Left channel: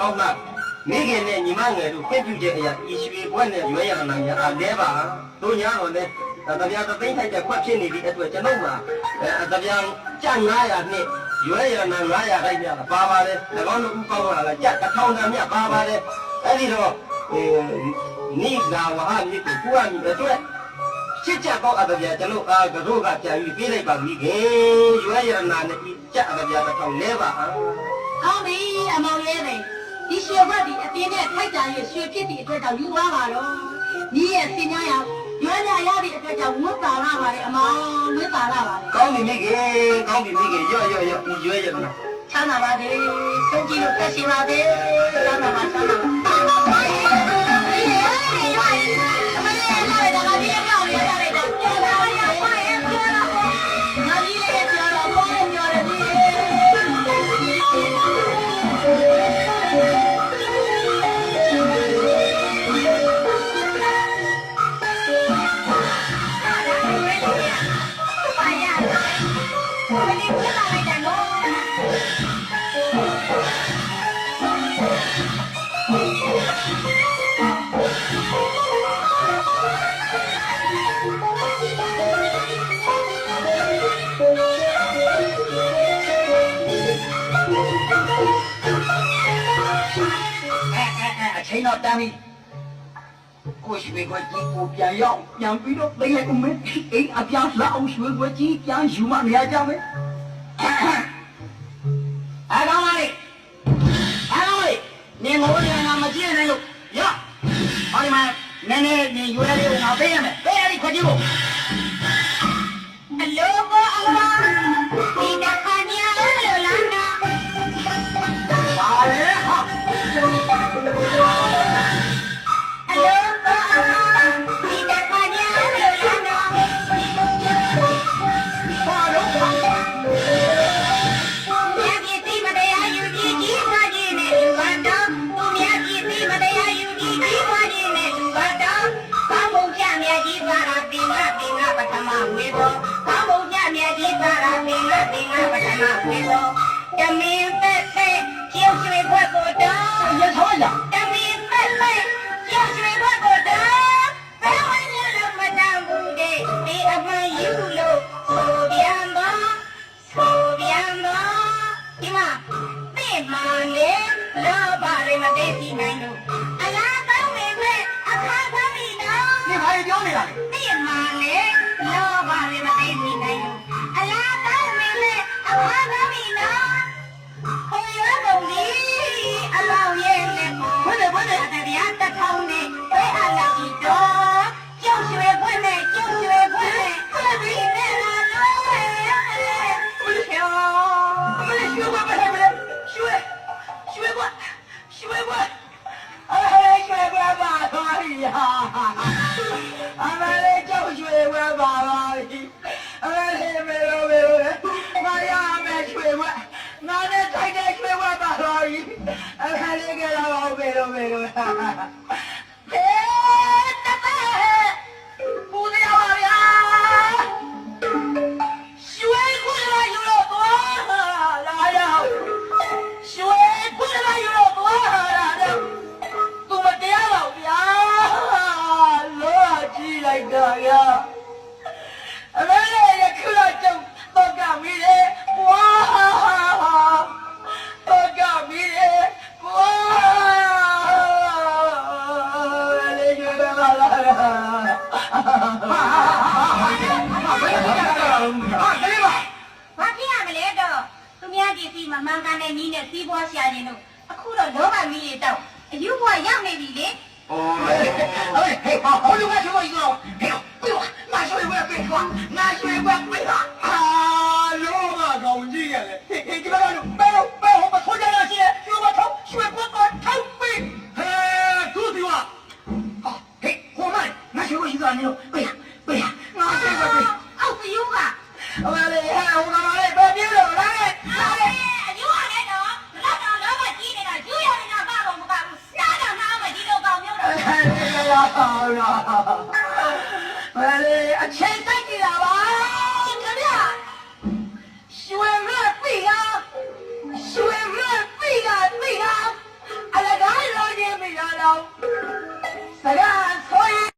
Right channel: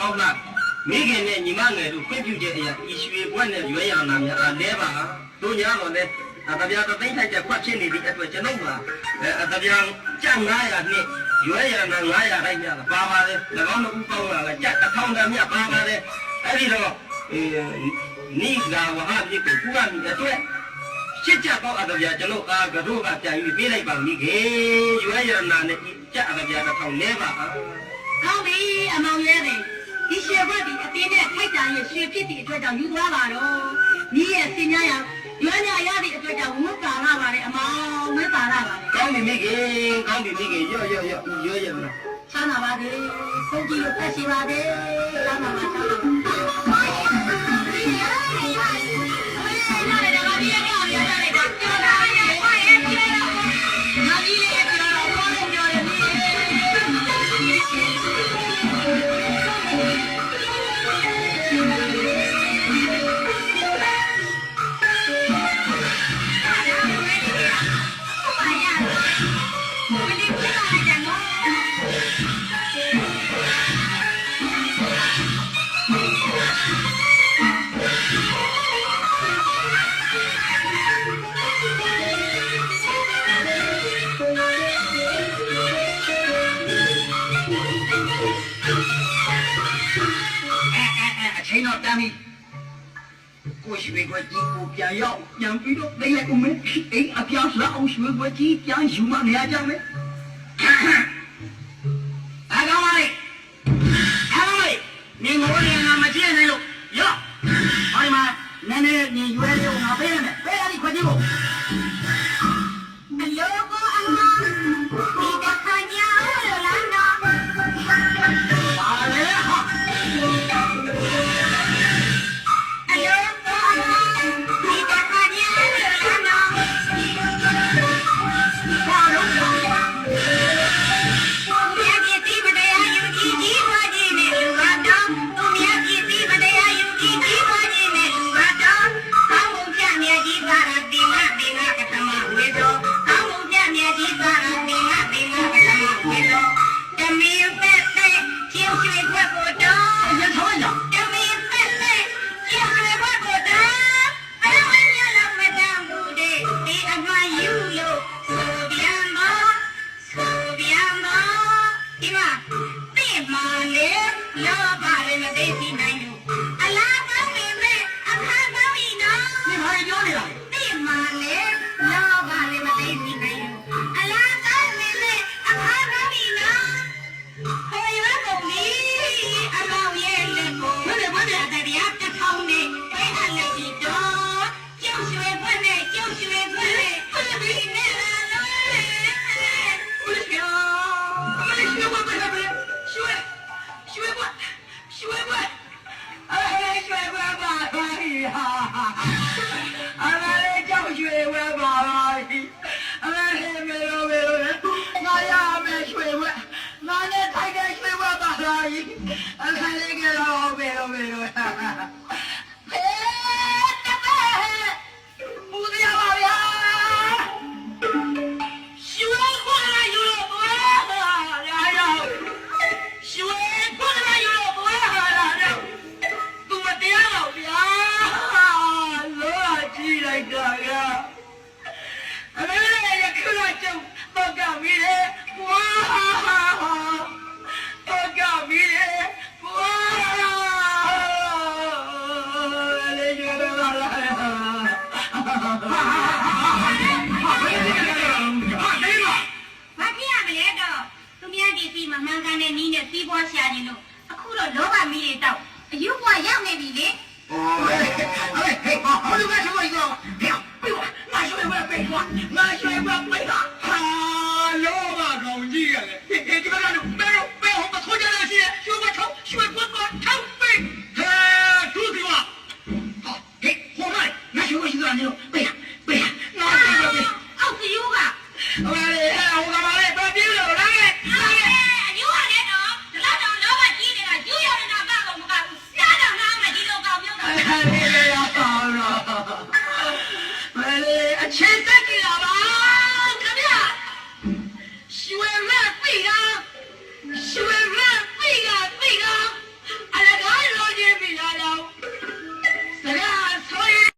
ကောင်းလားမိခင်နဲ့ညီမငယ်တို့ခွင့်ပြုချက်အရာဤရွှေဘွက်နဲ့ရွေးရနာများအားလဲပါတို့ညာတော့လဲတပြားတသိန်းထိုက်တဲ့ခွက်ဖြစ်နေသည့်အတွက်ကျွန်ုပ်မှာတပြားကျပ်900နဲ့ရွေးရနာ900ထိုက်များပါပါတယ်၎င်းတို့ဥပေါင်းလာကျပ်1000တန်မြပါပါတယ်အဲ့ဒီတော့နိလာဝဟမြစ်ကိုကူရမိအတွက်ရှစ်ကြတော့အတပြားကျွန်ုပ်အားကတော့ကပြန်ပြီးပေးလိုက်ပါမိခင်ရွေးရနာနဲ့ကျပ်အတပြား1000လဲပါကောင်းပြီအမောင်ရဲတယ်ဒီရွှေဘက်ဒီအတင်းနဲ့ထိုက်ကြရဲ့ရွှေဖြစ်သည့်အတွက်ကြောင့်ယူသွားပါတော့ညီရဲ့စင်ညာရရွေးရရသည့်အတွက်ကြောင့်ဝတ်ပါလာပါလေအမောင်ဝတ်ပါလာပါလေကောင်းပြီမိခင်ကောင်းပြီမိခင်ရော့ရွေးရနာချမ်းသာပါစေဆုံးကြည့်လို့သက်ရှိပါစေချမ်းသာပါချိန်တော့တမ်းပြီကိုရွှေခွက်ကြီးကိုပြန်ရောက်ပြန်ပြီးတော့သိလိုက်ဦးမယ်အိမ်အပြောင်းလှအောင်ရွှေခွက်ကြီးပြန်ယူမနေရကြမယ်အကောင်မလေးနေငိုနေငါမကြည့်နိုင်လို့ရောဟောဒီမှာနည်းနည်းနေရွယ်လေးကိုငါပေးရမယ်ပေးရသည်ခွက်ကြီးကိုအလိုကိုအမဒီတခါညာလို့လမ်းတော့ပါလေဟာ မှန်ကန်တဲ့နီးနဲ့စီးပွားရှာခြင်းတို့အခုတော့လောဘမီးတွေတောက်အယူဘွားရောက်နေပြီလေ 哦，哎，嘿，好久没吃过一个了，哎呦，哎呦，俺学一块背出，俺学一块背他，啊，老马高级了，嘿，这个干着，白红把头家良心，学我抄，学我抄背，嘿，多对吧？好，嘿，红那里，俺学过一个那种背呀，俺学一块背，အောက်စီယူက 我来，我干嘛嘞？不要别了，来， ယူရတယ်တော့ဒီလောက်တော့လောဘကြီးနေတာယူရနေတာဘာကောင်မကဘူးစားတော့နှောင်းမယ်ဒီလိုကောင်မျိုးတော့ 你这要好了，我来，钱真给了吧？